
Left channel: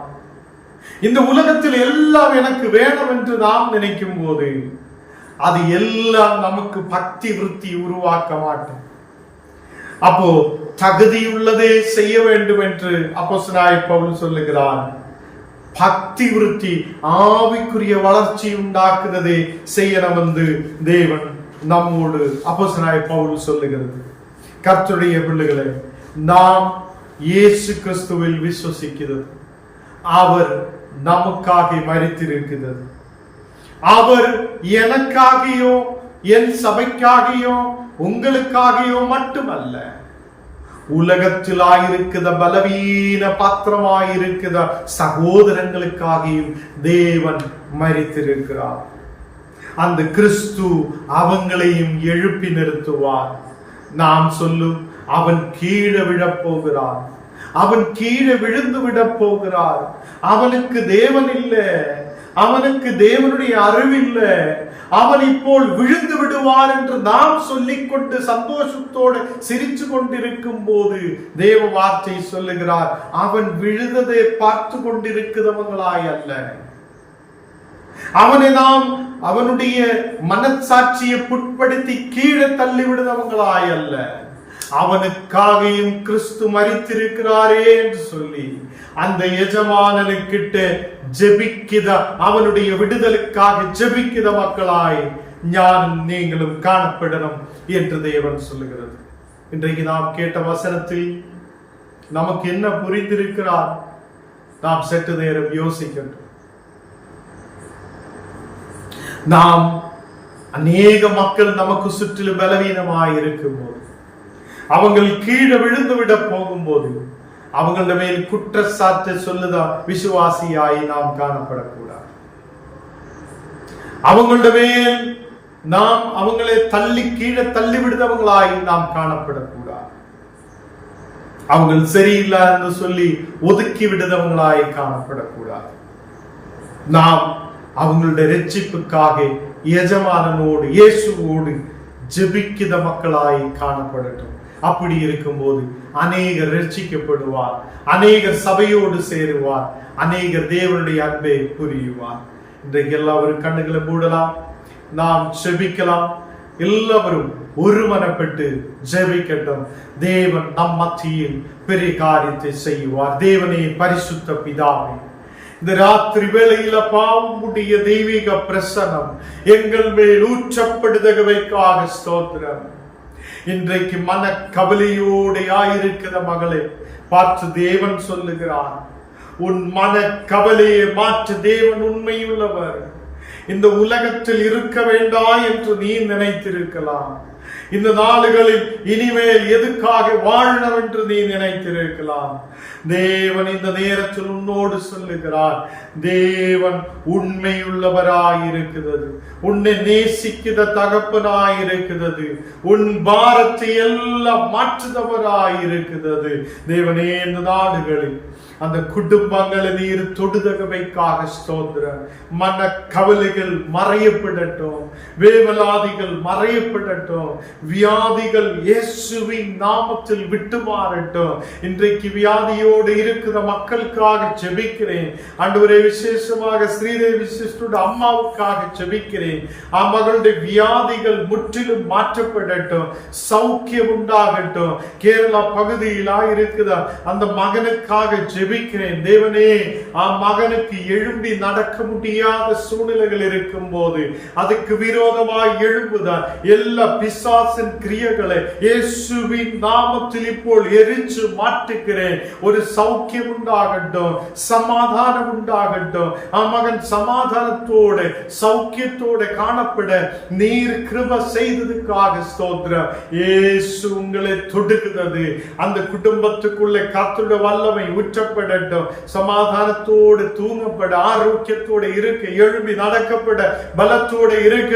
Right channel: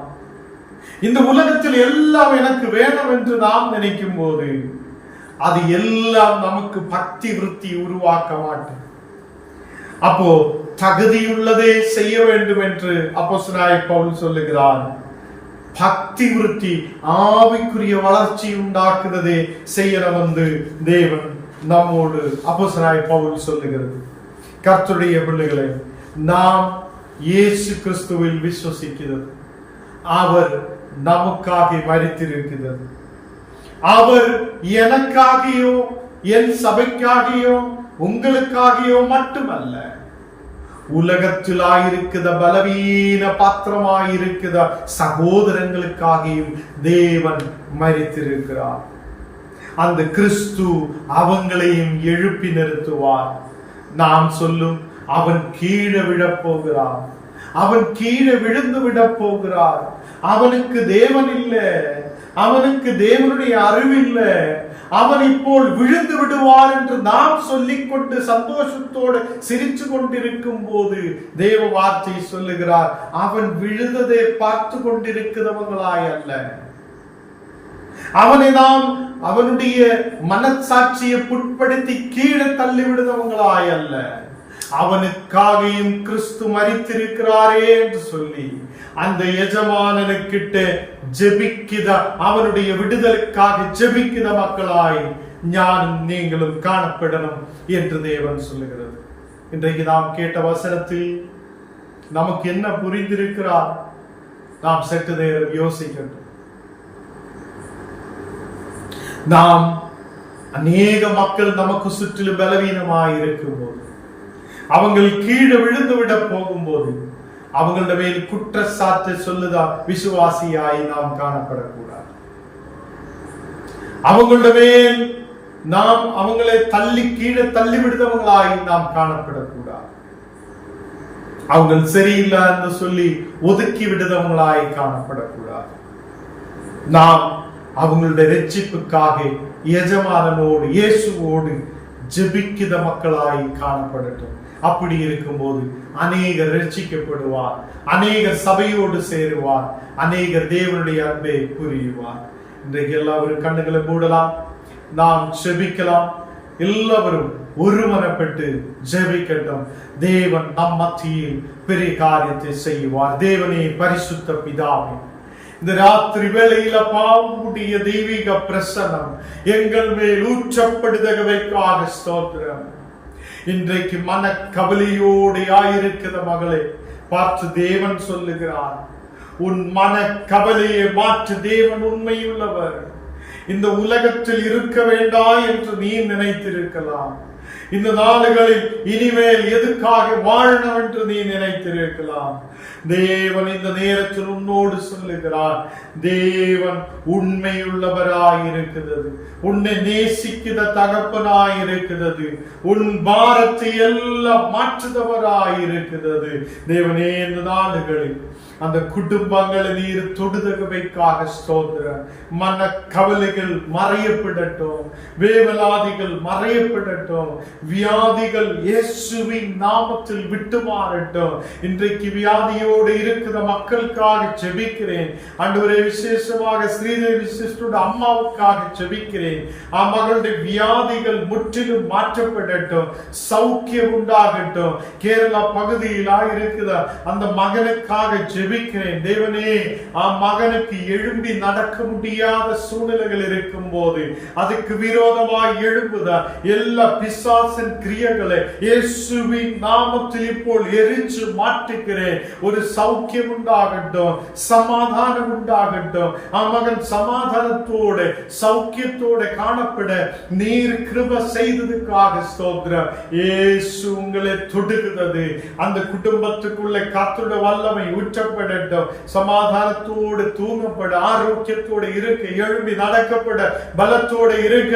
இந்த உலகத்தில் எல்லாம் எனக்கு வேணும் என்று நாம் நினைக்கும் போது அது எல்லாம் நமக்கு பக்தி விருத்தி உருவாக்க மாட்டோம். அப்போ தகுதியுள்ளதே செய்ய வேண்டும் என்று அப்போஸ்தலனாகிய பவுல் சொல்லுகிறார். பக்தி விருத்தி ஆவிக்குரிய வளர்ச்சி உண்டாக்குறதே செய்யணும் வந்து தேவன் நம்மோடு அப்போஸ்தலனாகிய பவுல் சொல்லுகிறது. கர்த்தருடைய பிள்ளைகளை, நாம் இயேசு கிறிஸ்துவில் விசுவசிக்கிறது. அவர் நமக்காக மரித்திருக்கிறது. அவர் எனக்காகியோ என் சபைக்காகியோ உங்களுக்காகியோ மட்டுமல்ல, உலகத்திலாயிருக்கிற பலவீன பாத்திரமாயிருக்கிற சகோதரங்களுக்காகியும் தேவன் மரித்திருக்கிறார். அந்த கிறிஸ்து அவங்களையும் எழுப்பி நிறுத்துவார். நாம் சொல்லும், அவன் கீழே விழப்போகிறார், அவன் கீழே விழுந்து விட போகிறார், அவனுக்கு தேவன் இல்லை, அவனுக்கு தேவனுடைய அறிவில்லை, அவன் இப்போ விழுந்து விடுவார் என்று நாம் சொல்லிக்கொண்டு சந்தோஷத்தோடு சிரிச்சு கொண்டிருக்கும் போது தேவ வார்த்தை சொல்லுகிறார், அவன் விழுந்ததை பார்த்து கொண்டிருக்கிறவங்களாய் அல்ல, அவனை நாம் அவனுடைய மனசாட்சியை புட்படுத்தி கீழே தள்ளி விடுதவங்களாய் அல்ல, அவனுக்காகவும் கிறிஸ்து மரித்திருக்கிறாரே என்று சொல்லி அந்த எஜமானனுக்கிட்ட ஜெபிக்கிற, அவனுடைய விடுதலுக்காக ஜெபிக்கிற மக்களாய் ஞானும் நீங்களும் காணப்படணும் என்று தேவன் சொல்லுகிறது. இன்றைக்கு நாம் கேட்ட வசனத்தில் நமக்கு என்ன புரிந்திருக்கிறார்? நாம் சற்று நேரம் யோசிக்கட்டும். நாம் அநேக மக்கள் நமக்கு சுற்றிலும் பலவீனமாய் இருக்கும் போது, அவங்கள் கீழே விழுந்து விட போகும்போது அவங்கள மேல் குற்றச்சாட்டு சொல்லுதா விசுவாசியாய் நாம் காணப்படக்கூடாது. அவங்கள மேல் நாம் அவங்களை தள்ளி கீழே தள்ளி விடுதவங்களாய் நாம் காணப்படக்கூடாது. அவங்க சரியில்லை என்று சொல்லி ஒதுக்கி விடுதவங்களாய் காணப்படக்கூடாது. நாம் அவங்களுடைய ரட்சிப்புக்காக எஜமானனோடு இயேசுவோடு ஜெபிக்கிற மக்களாய் காணப்படட்டும். அப்படி இருக்கும்போது அநேகர் ரட்சிக்கப்படுவார், அநேகர் சபையோடு சேருவார், அநேகர் தேவனுடைய அன்பை புரியுவார். இன்றைக்கு எல்லாரும் கண்ணுகளை மூடலாம், நாம் ஜெபிக்கலாம். எல்லாரும் ஒருமனப்பட்டு ஜெபிக்கட்டும். தேவன் நம் மத்தியில் பெரிய காரியத்தை செய்வார். தேவனே, பரிசுத்த பிதாவே, இந்த ராத்திரி வேளையில பாவமுடைய தெய்வீக பிரசன்னம் எங்கள் மேல் ஊற்றப்படுதகவைக்காக ஸ்தோத்திரம். இன்றைக்கு மன கவலையோடு ஆயிருக்கிற மகளை பார்த்து தேவன் சொல்லுகிறார், உன் மன கவலையை மாற்று தேவன் உண்மையுள்ளவர். இந்த உலகத்தில் இருக்க வேண்டாம் என்று நீ நினைத்திருக்கலாம். இந்த நாளுகளில் இனிமேல் எதுக்காக வாழணும் என்று நீ நினைத்திருக்கலாம். தேவன் இந்த நேரத்தில் உன்னோடு சொல்லுகிறார், தேவன் உண்மையுள்ளவராயிருக்கிறது, உன்னை நேசிக்கிற தகப்பனாயிருக்கிறது, உன் பாரத்தை எல்லாம் மாற்றுதவராயிருக்கிறது. தேவனே, இந்த நாடுகளில் அந்த குடும்பங்களை நீர் தொடுதகவைக்காக ஸ்தோத்திரம். மன கவலைகள் மறையப்படட்டும், வேவலாதிகள் மறையப்படட்டும், வியாதிகள் இயேசுவின் நாமத்தில் விட்டு மாறட்டும். இன்றைக்கு வியாதியோடு இருக்கிற மக்களுக்காக ஜெபிக்கிறேன் ஆண்டவரே. விசேஷமாக ஸ்ரீதேவி சிஸ்டரோட அம்மாவுக்காக ஜெபிக்கிறேன். மகளுடைய வியாதிகள் முற்றிலும் மாற்றப்படட்டும், சௌக்கியம் உண்டாகட்டும். கேரளா பகுதியிலா இருக்கிற அந்த மகனுக்காக ஜெபிக்கிறேன் தேவனே. மகனுக்கு எழும்பி நடக்க முடியாத சூழ்நிலைகள் இருக்கும் போது அதுக்கு விரோதமாய் எழும்புதா எல்லா பிசாசின் கிரியைகளை இயேசுவின் நாமத்தில் இப்போ எரிச்சு மாற்றுகிறேன். ஒரு சௌக்கியம் உண்டாகட்டும், சமாதானம் உண்டாகட்டும். மகன் சமாதானத்தோடு சௌக்கியத்தோடு காணப்பட நீர் கிருபை செய்ததுக்காக ஸ்தோத்திரம். இயேசு உங்களை தொடுகிறது. அந்த குடும்பத்துக்குள்ள கர்த்தருடைய வல்லமை ஊற்றப்படட்டும். சமாதானத்தோடு தூங்கப்பட, ஆரோக்கியத்தோடு இருக்க, எழும்பி நடக்கப்பட, பலத்தோடு இருக்க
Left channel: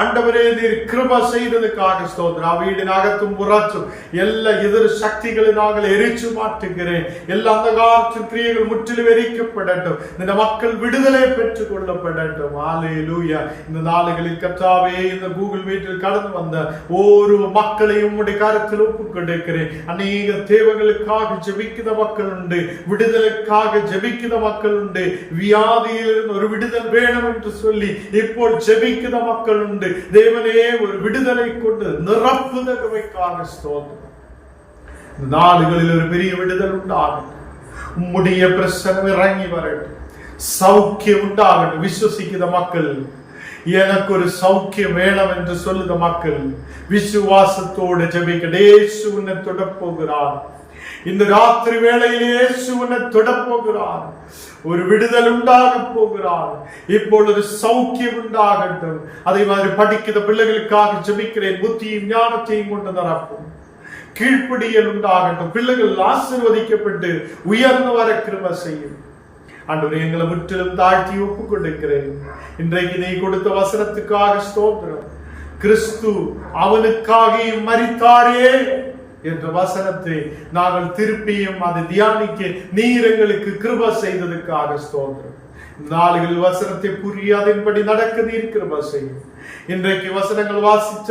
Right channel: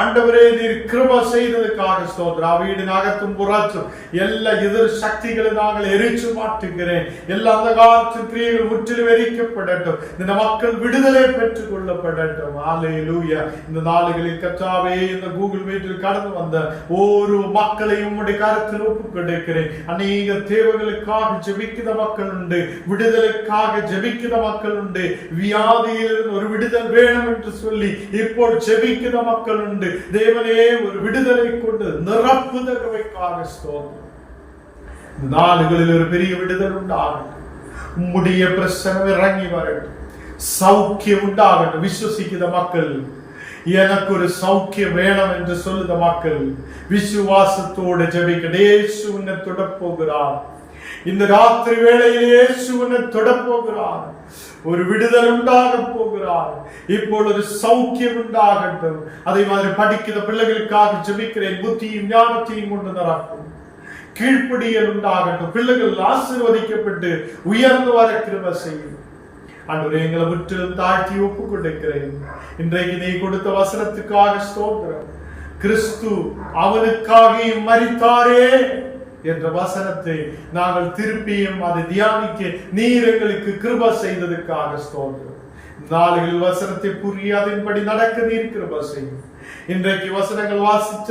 ஆண்டவரே நீர் கிருபை செய்ததுக்காக ஸ்தோத்திரம். வீடின் அகத்தும் புறச்சும் எல்லா எதிர் சக்திகளை நாங்கள் எரிச்சு மாற்றுகிறேன். எல்லா அந்தகாரத்தின் கிரியைகள் முற்றிலும் எரிக்கப்படட்டும். இந்த மக்கள் விடுதலை பெற்றுக் கொள்ளப்படட்டும். ஹல்லேலூயா. இந்த நாளுகளில் கர்த்தாவே, இந்த கூகுள் மீட்டில் கடந்து வந்த ஒரு மக்களையும் உம்முடைய கரத்தில் ஒப்புக் கொடுக்கிறேன். அநேக தேவைகளுக்காக ஜெபிக்கிற மக்கள் உண்டு, விடுதலைக்காக ஜெபிக்கிற மக்கள் உண்டு, வியாதியிலிருந்து ஒரு விடுதல் வேணும் என்று சொல்லி இப்போ ஜெபிக்கிற மக்கள் உண்டு. தேவனே, ஒரு விடுதலை கொண்டு நிரப்புதகவைக்காக ஸ்தோத்திரம். நாடுகளில் ஒரு பெரிய விடுதல் உண்டாகட்டும். உம்முடைய பிரசன்னம் இறங்கி வரட்டும். சௌக்கியம் உண்டாகட்டும். விசுவசிக்கிற மக்கள், எனக்கு ஒரு சௌக்கியம் வேணும் என்று சொல்லுத மக்கள் விசுவாசத்தோடு ஜெபிக்க இயேசு உன்னை தொடப் போகிறார். இந்த ராத்திரி வேளையிலே இயேசு உன்னை தொடப் போகிறார். ஒரு விடுதல் உண்டாக போகிறார். இப்பொழுது சௌக்கியம் உண்டாகட்டும். அதே மாதிரி படிக்கிற பிள்ளைகளுக்காக ஜெபிக்கிறேன். புத்தியும் ஞானத்தையும் கொண்டு நிரப்பும். கீழ்ப்படியல் உண்டாகட்டும். பிள்ளைகள் ஆசீர்வதிக்கப்பட்டு உயர்ந்து வர கிருபை செய்யும். ஆண்டவரே, எங்களை முற்றிலும் தாழ்த்தி ஒப்புக் கொடுக்கிறேன். இன்றைக்கு நீ கொடுத்த வசனத்துக்காக ஸ்தோத்திரம். கிறிஸ்து அவனுக்காக மரித்தாரே என்ற வசனத்தை நாங்கள் திருப்பியும் அதை தியானிக்க நீர் எங்களுக்கு கிருபை செய்ததுக்காக ஸ்தோத்திரம். நாளுகள் வசனத்தை புரியாதபடி நடக்க நீர் கிருபை செய்யும். இன்றைக்கு வசனங்கள் வாசிச்ச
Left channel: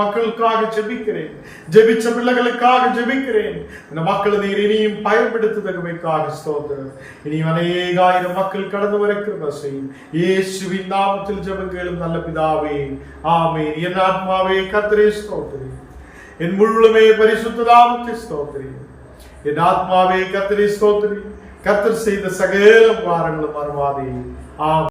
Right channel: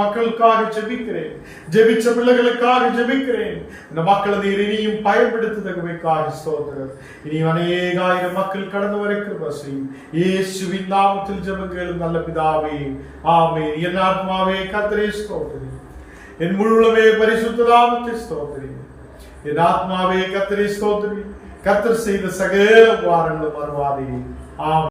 மக்களுக்காக ஜெபிக்கிறேன். ஜெபிச்ச பிள்ளைகளுக்காக ஜெபிக்கிறேன். இந்த மக்களை நீர் இனியும் பயன்படுத்துவதற்காக ஸ்தோத்திரம். இனி அநேக ஆயிரம் மக்கள் கடந்து வர கிருபை செய்யும். இயேசுவின் நாமத்தில் ஜெபங்களும் நல்ல பிதாவே, ஆமென். என் ஆத்மாவே கர்த்தரை ஸ்தோத்திரி, என் முழுமே பரிசுத்த நாமத்தை ஸ்தோத்திரி. என் ஆத்மாவே கர்த்தரை ஸ்தோத்திரி. கர்த்தர் செய்த சகல உபகாரங்களும் மறவாதே. ஆமென்.